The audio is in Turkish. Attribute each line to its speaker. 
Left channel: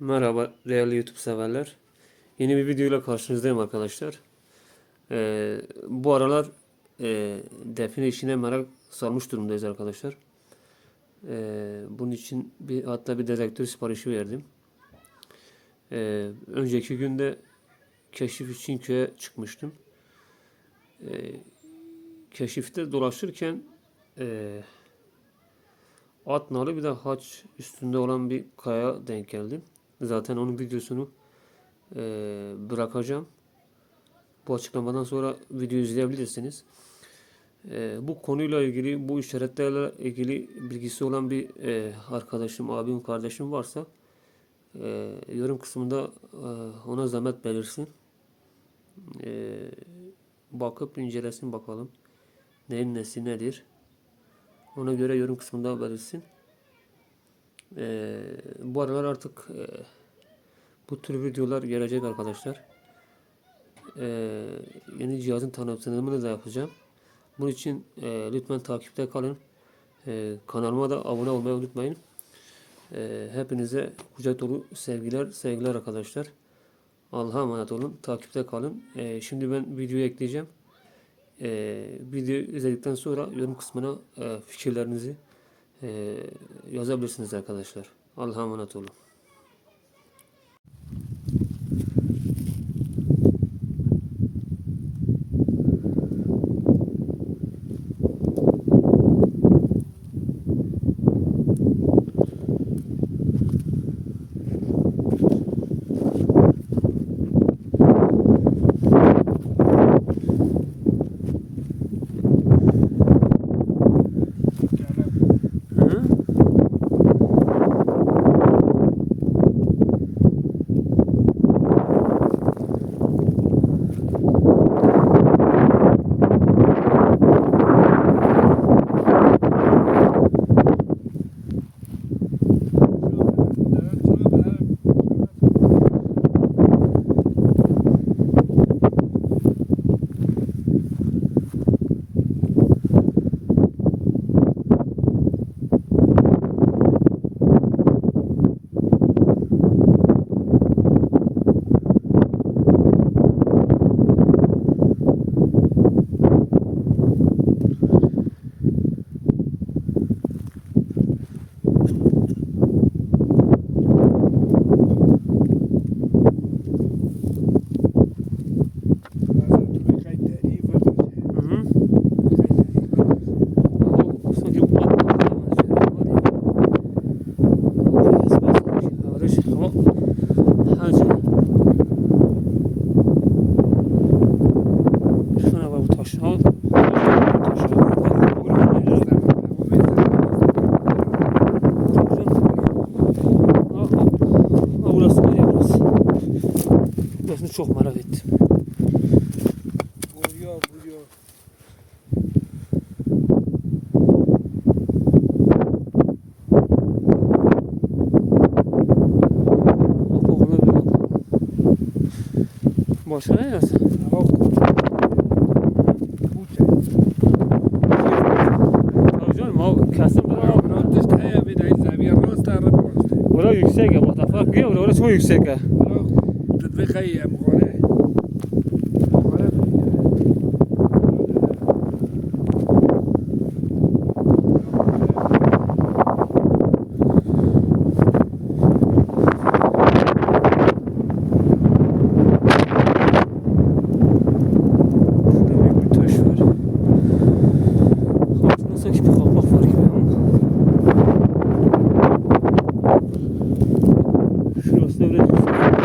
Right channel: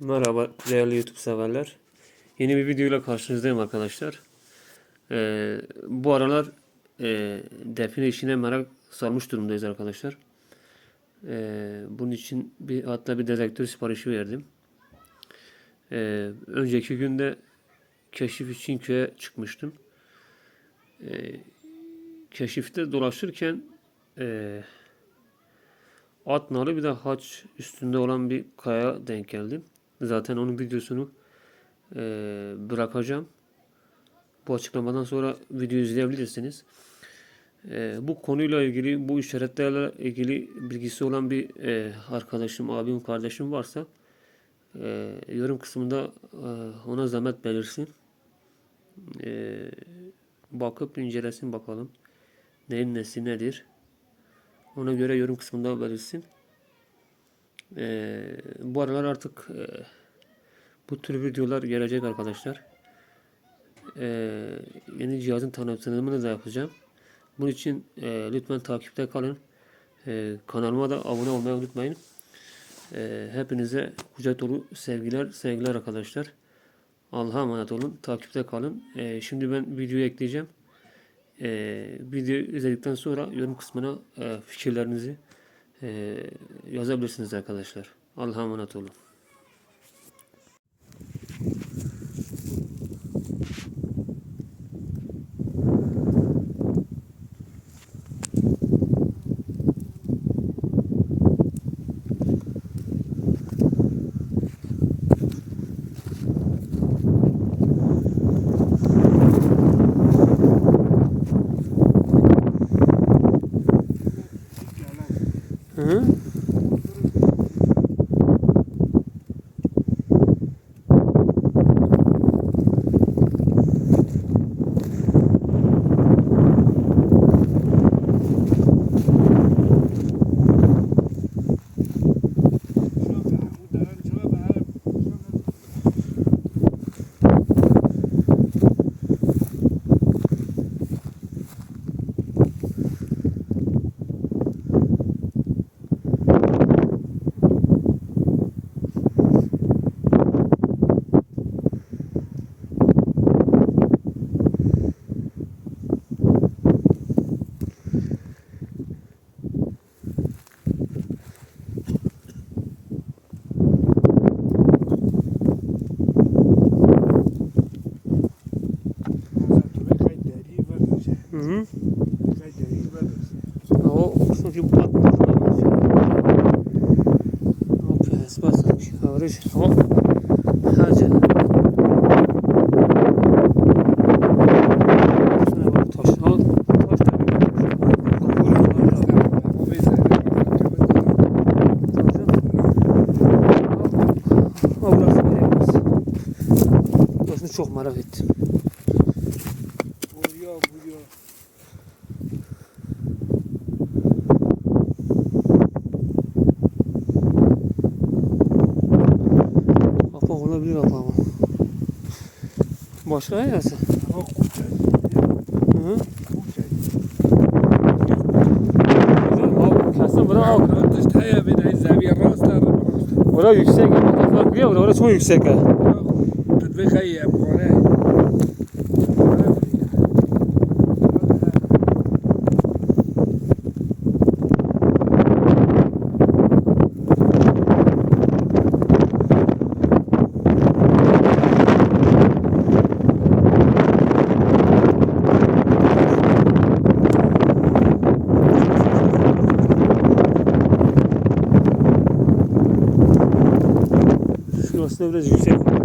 Speaker 1: Merhaba değerli YouTube severler. Yeni bir videoyla karşınızdayım arkadaşlar. Ee, bu aralar e, define işine merak salmış durumdayız arkadaşlar. Ee, bunun için bir hatta bir dedektör siparişi verdim. Ee, önceki günde keşif için köye çıkmıştım. Ee, keşifte dolaşırken e, at nalı bir de haç üstünde olan bir kaya denk geldim. Zaten onun videosunu e, bırakacağım. Bu açıklamadan sonra video izleyebilirsiniz. E, bu konuyla ilgili, bu işaretlerle ilgili bilgisi olan bir e, arkadaşım, abim, kardeşim varsa e, yorum kısmında e, ona zahmet belirsin. E, bakıp incelesin bakalım. Neyin nesi nedir. Ona göre yorum kısmında belirsin. Ee, bu aralar artık e, bu tür videolar gelecek arkadaşlar. Ee, yeni cihazın tanıtımını da yapacağım. Bunun için e, lütfen takipte kalın. Ee, kanalıma da abone olmayı unutmayın. Ee, hepinize kucak dolu sevgiler, sevgiler arkadaşlar. Allah'a emanet olun. Takipte kalın. Ee, şimdi ben videoyu ekleyeceğim. Ee, video izledikten sonra yorum kısmına e, fikirlerinizi e, yazabilirsiniz arkadaşlar. Allah'a emanet olun. huh? Averaj ama hacı. Şuna bak taş. Al. Burası çok merak ettim. Mooi
Speaker 2: geregeld.
Speaker 1: Oh.
Speaker 2: Aha. Güzel
Speaker 1: mi abi? Kesin bura
Speaker 2: abi. Dışta ya bir de izlemiyor.
Speaker 1: Burası yüksek. Orası çok yüksek. Yok. Tedbik. devlet yüksek.